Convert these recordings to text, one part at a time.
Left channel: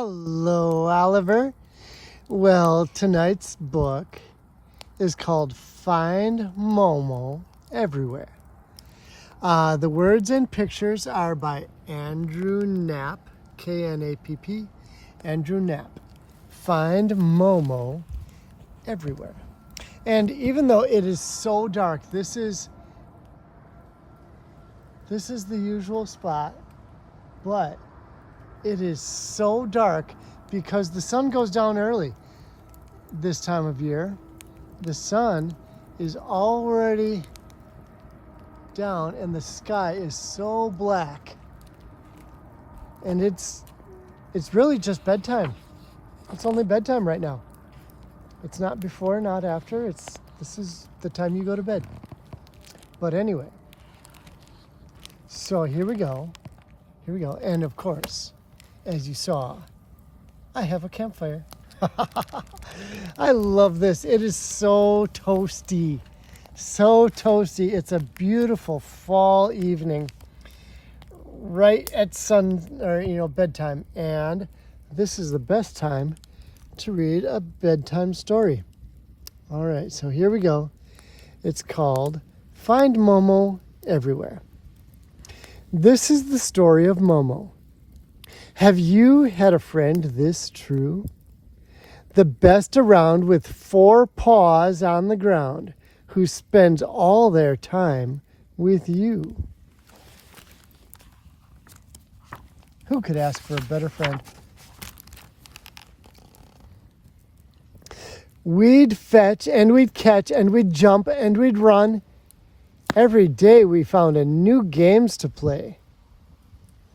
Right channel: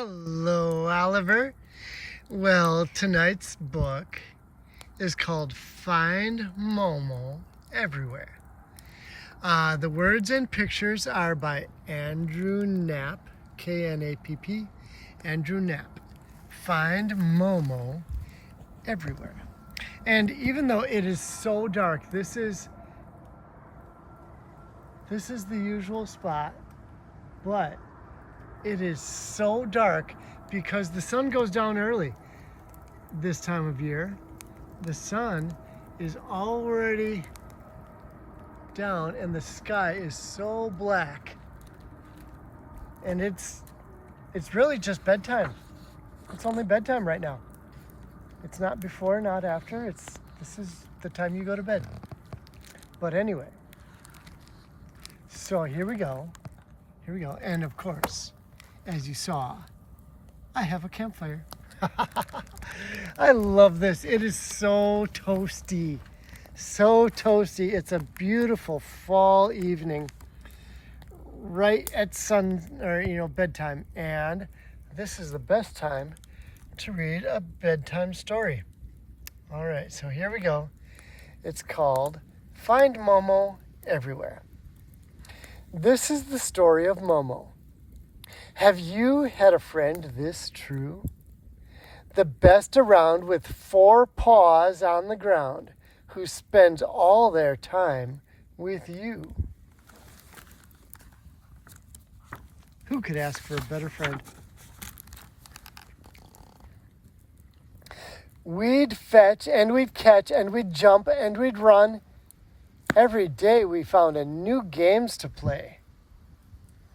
Hello, Oliver. Well, tonight's book is called Find Momo Everywhere. The words and pictures are by Andrew Knapp, K-N-A-P-P, Andrew Knapp. Find Momo Everywhere. And even though it is so dark, this is the usual spot, but it is so dark because the sun goes down early this time of year. The sun is already down and the sky is so black. And it's really just bedtime. It's only bedtime right now. It's not before, not after. This is the time you go to bed. But anyway, so here we go. Here we go. And of course, as you saw, I have a campfire. I love this. It is so toasty. So toasty. It's a beautiful fall evening right at bedtime. And this is the best time to read a bedtime story. All right, so here we go. It's called Find Momo Everywhere. This is the story of Momo. Have you had a friend this true? The best around, with 4 paws on the ground, who spends all their time with you. Who could ask for a better friend? We'd fetch and we'd catch and we'd jump and we'd run. Every day we found a new games to play.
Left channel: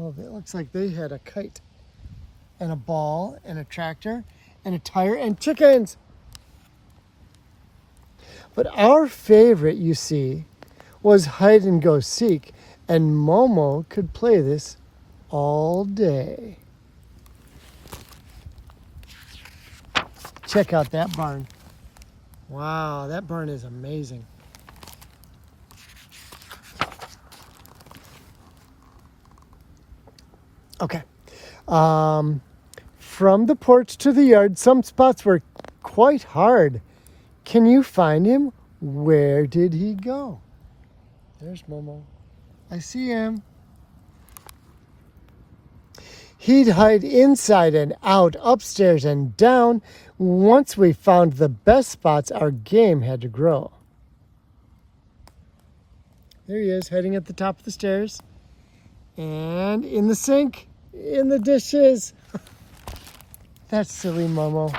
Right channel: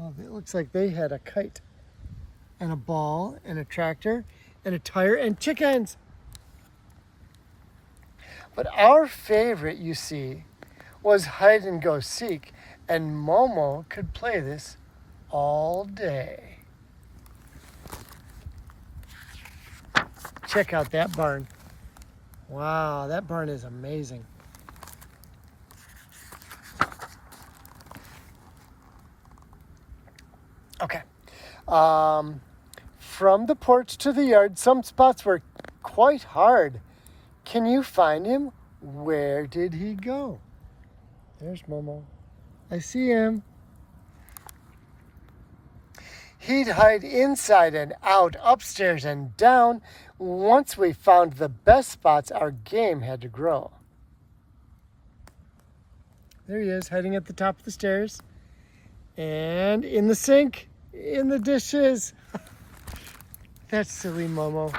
Oh, it looks like they had a kite and a ball and a tractor and a tire and chickens. But our favorite, you see, was hide and go seek, and Momo could play this all day. Check out that barn. Wow, that barn is amazing. Okay. From the porch to the yard, some spots were quite hard. Can you find him? Where did he go? There's Momo. I see him. He'd hide inside and out, upstairs and down. Once we found the best spots, our game had to grow. There he is, hiding at the top of the stairs. And in the sink, in the dishes. That's silly Momo.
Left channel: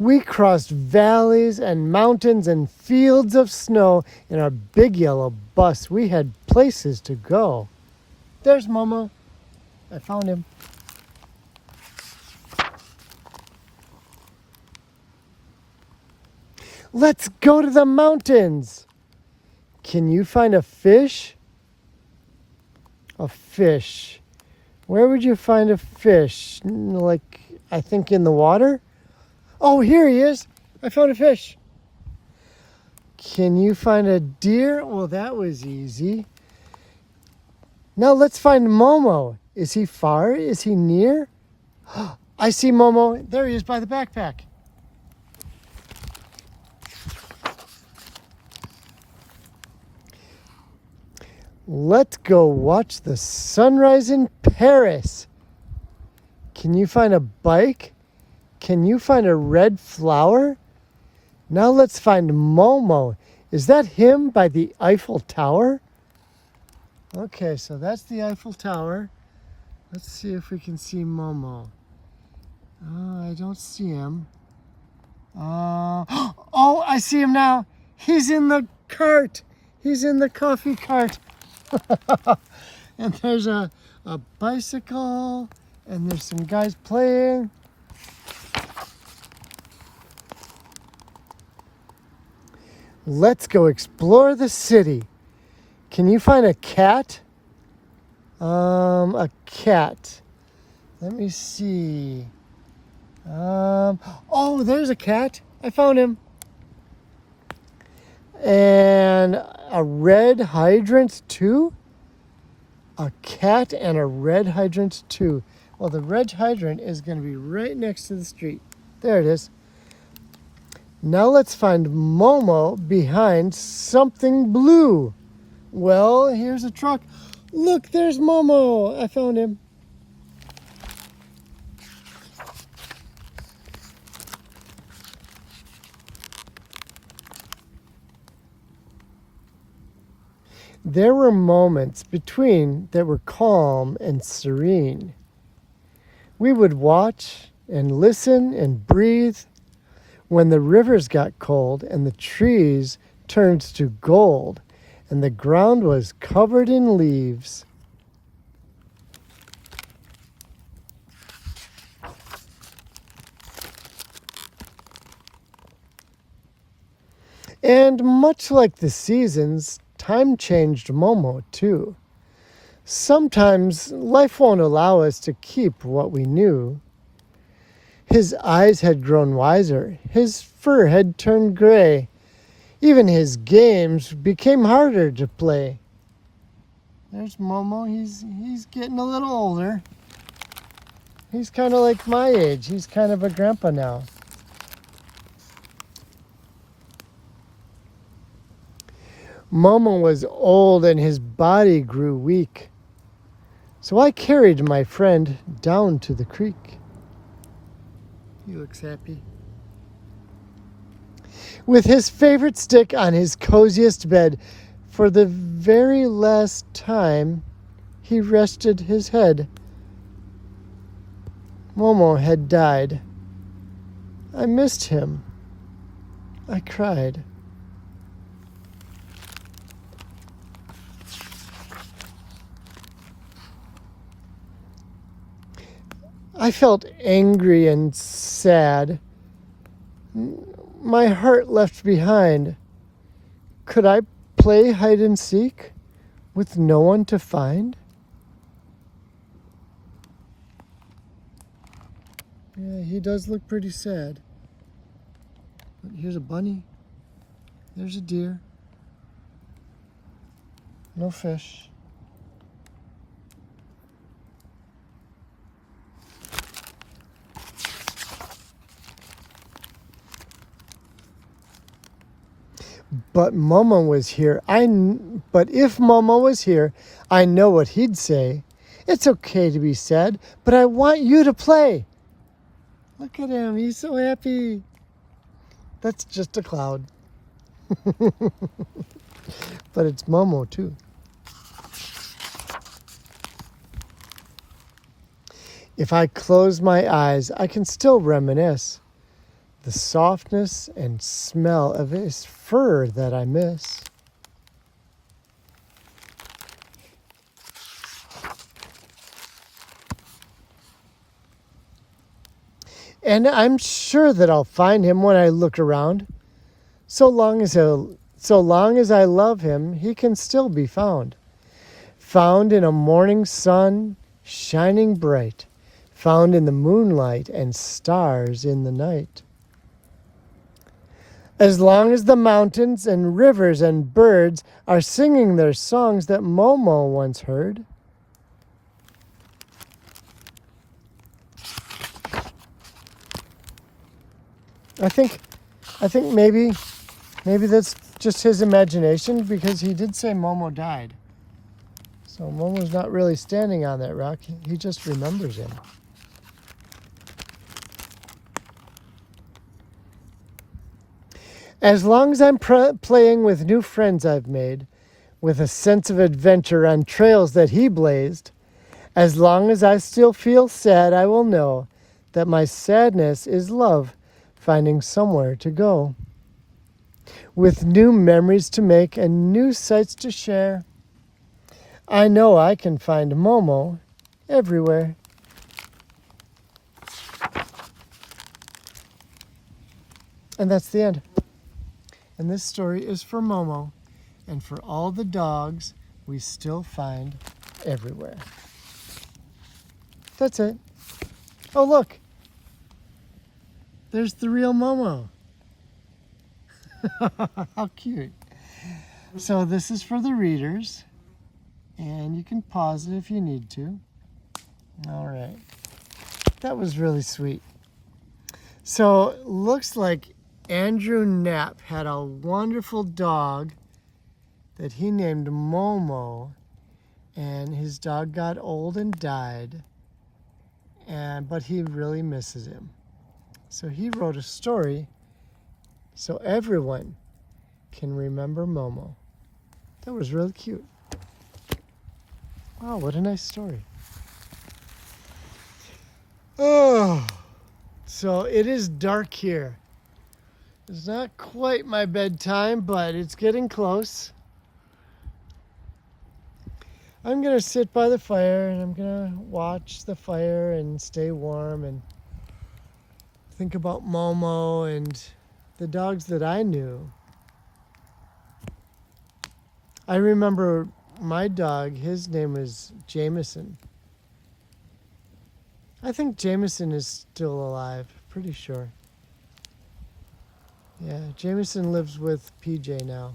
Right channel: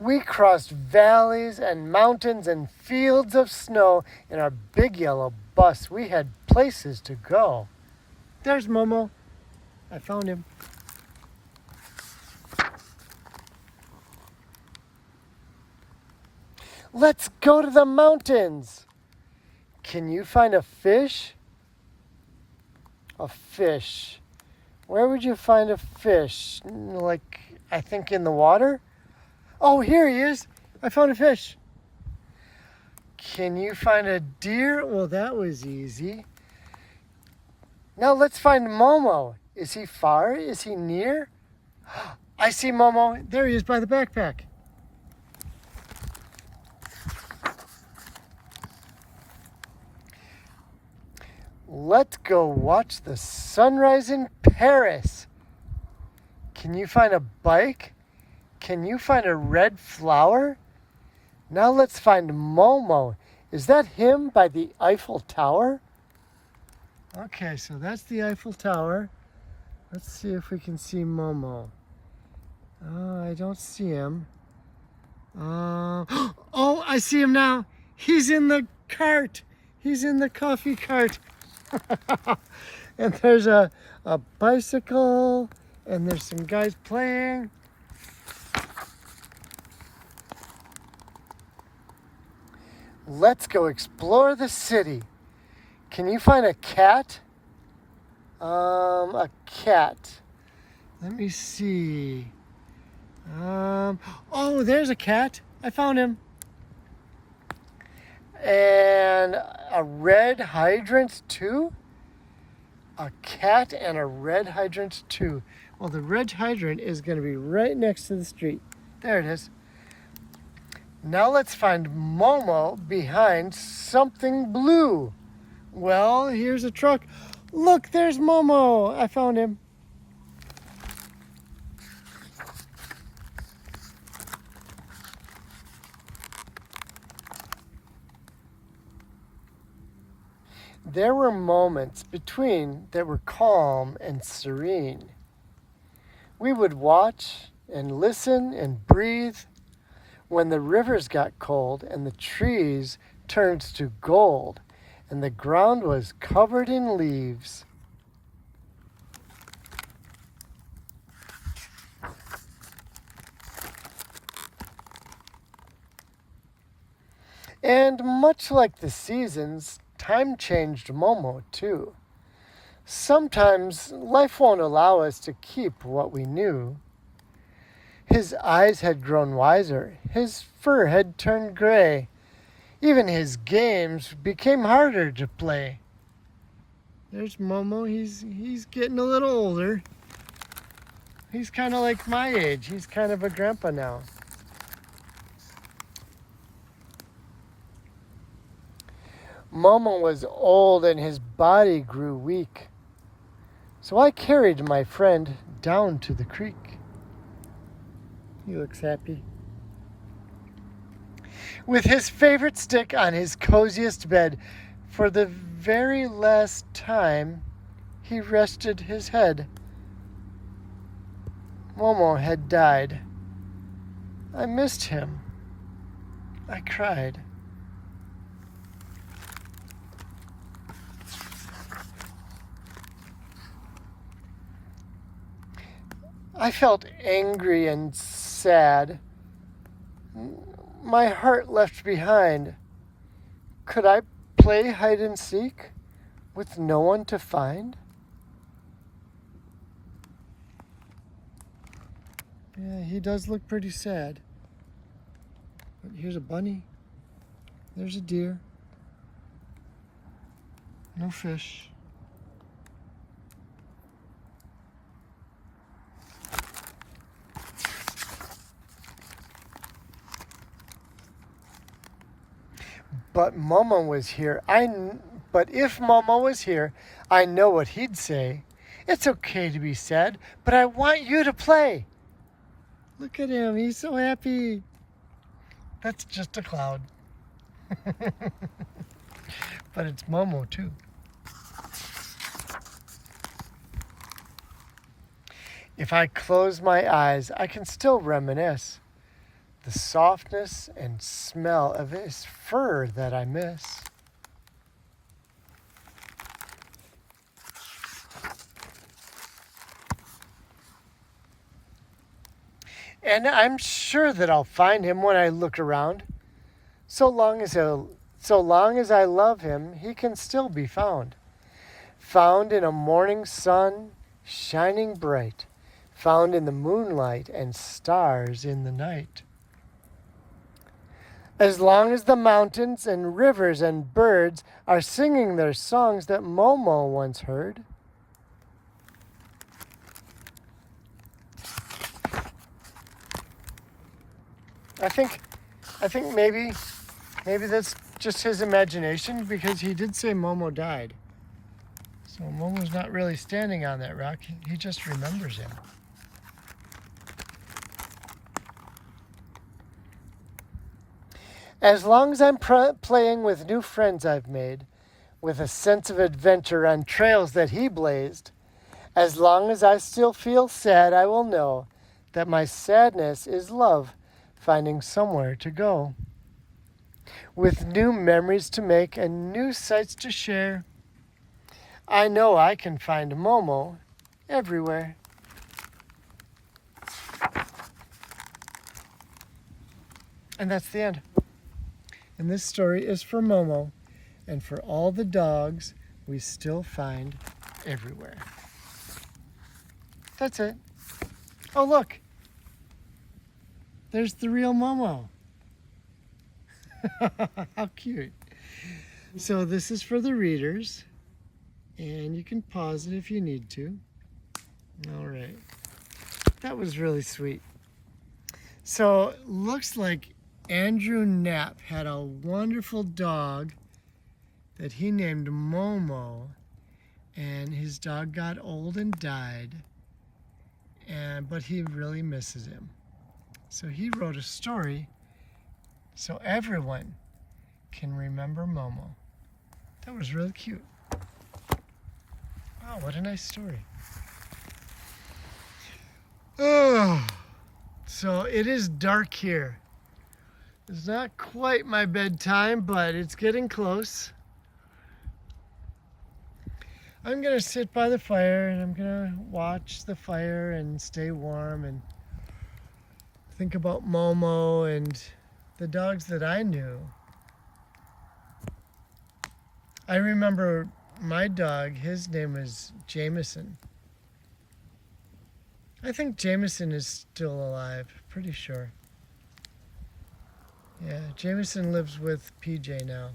We crossed valleys and mountains and fields of snow in our big yellow bus. We had places to go. There's Momo. I found him. Let's go to the mountains. Can you find a fish? A fish. Where would you find a fish? Like, I think in the water? Oh, here he is. I found a fish. Can you find a deer? Well, that was easy. Now let's find Momo. Is he far? Is he near? I see Momo. There he is by the backpack. Let's go watch the sunrise in Paris. Can you find a bike? Can you find a red flower? Now let's find Momo. Is that him by the Eiffel Tower? Okay, so that's the Eiffel Tower. Let's see if we can see Momo. I don't see him. Oh, I see him now. He's in the cart. He's in the coffee cart. And there's a bicycle, and there's some guys playing. Let's go explore the city. Can you find a cat? A cat. Let me see. Oh, there's a cat. I found him. And a red hydrant too? A cat and a red hydrant too. Well, the red hydrant is going to be right next to the street. There it is. Now let's find Momo behind something blue. Well, here's a truck. Look, there's Momo. I found him. There were moments between that were calm and serene. We would watch and listen and breathe when the rivers got cold and the trees turned to gold and the ground was covered in leaves. And much like the seasons, time changed Momo too. Sometimes life won't allow us to keep what we knew. His eyes had grown wiser, his fur had turned gray. Even his games became harder to play. There's Momo, he's getting a little older. He's kind of like my age, he's kind of a grandpa now. Momo was old and his body grew weak. So I carried my friend down to the creek. He looks happy. With his favorite stick on his coziest bed, for the very last time, he rested his head. Momo had died. I missed him. I cried. I felt angry and sad. My heart left behind. Could I play hide and seek with no one to find? Yeah, he does look pretty sad. But here's a bunny. There's a deer. No fish. But Momo was here. But if Momo was here, I know what he'd say. It's okay to be sad, but I want you to play. Look at him. He's so happy. That's just a cloud. But it's Momo too. If I close my eyes, I can still reminisce. The softness and smell of his fur that I miss. And I'm sure that I'll find him when I look around. So long as I love him, he can still be found. Found in a morning sun shining bright. Found in the moonlight and stars in the night. As long as the mountains and rivers and birds are singing their songs that Momo once heard. I think maybe that's just his imagination, because he did say Momo died. So Momo's not really standing on that rock. He just remembers him. As long as I'm playing with new friends I've made, with a sense of adventure on trails that he blazed, as long as I still feel sad, I will know that my sadness is love finding somewhere to go. With new memories to make and new sights to share, I know I can find Momo everywhere. And that's the end. And this story is for Momo and for all the dogs we still find everywhere. That's it. Oh, look. There's the real Momo. How cute. So this is for the readers. And you can pause it if you need to. All right. That was really sweet. So, looks like Andrew Knapp had a wonderful dog that he named Momo, and his dog got old and died, but he really misses him. So he wrote a story so everyone can remember Momo. That was really cute. Wow, what a nice story. Oh, so it is dark here. It's not quite my bedtime, but it's getting close. I'm gonna sit by the fire and I'm gonna watch the fire and stay warm and think about Momo and the dogs that I knew. I remember my dog, his name was Jameson. I think Jameson is still alive, pretty sure. Yeah, Jameson lives with PJ now.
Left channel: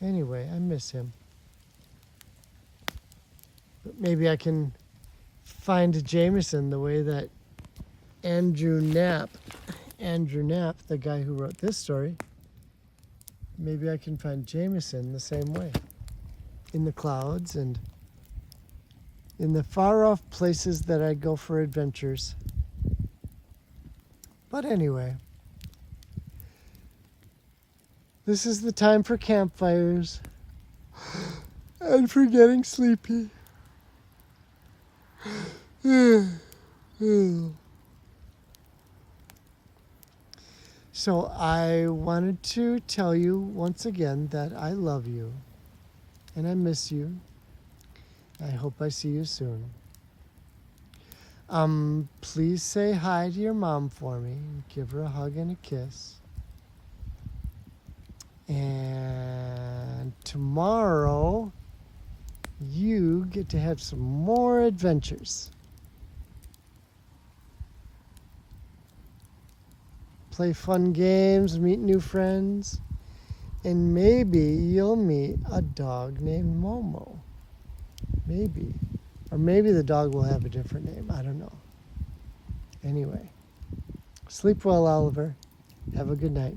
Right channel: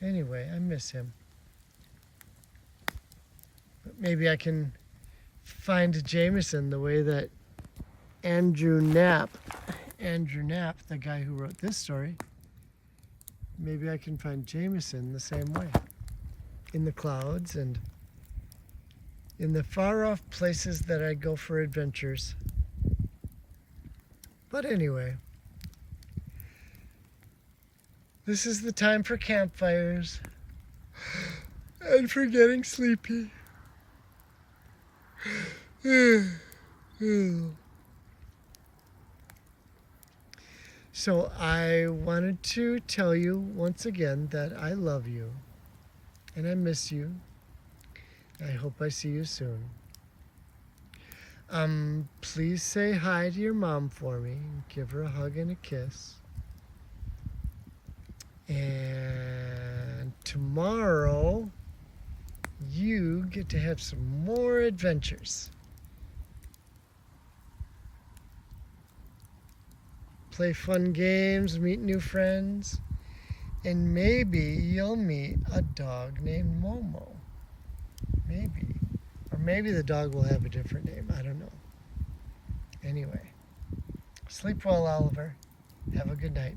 Anyway, I miss him. But maybe I can find Jameson the way that Andrew Knapp, the guy who wrote this story, maybe I can find Jameson the same way. In the clouds and in the far off places that I go for adventures. But anyway, this is the time for campfires and for getting sleepy. So I wanted to tell you once again that I love you and I miss you. I hope I see you soon. Please say hi to your mom for me. Give her a hug and a kiss. And tomorrow, you get to have some more adventures. Play fun games, meet new friends, and maybe you'll meet a dog named Momo. Maybe. Or maybe the dog will have a different name. I don't know. Anyway, sleep well, Oliver. Have a good night.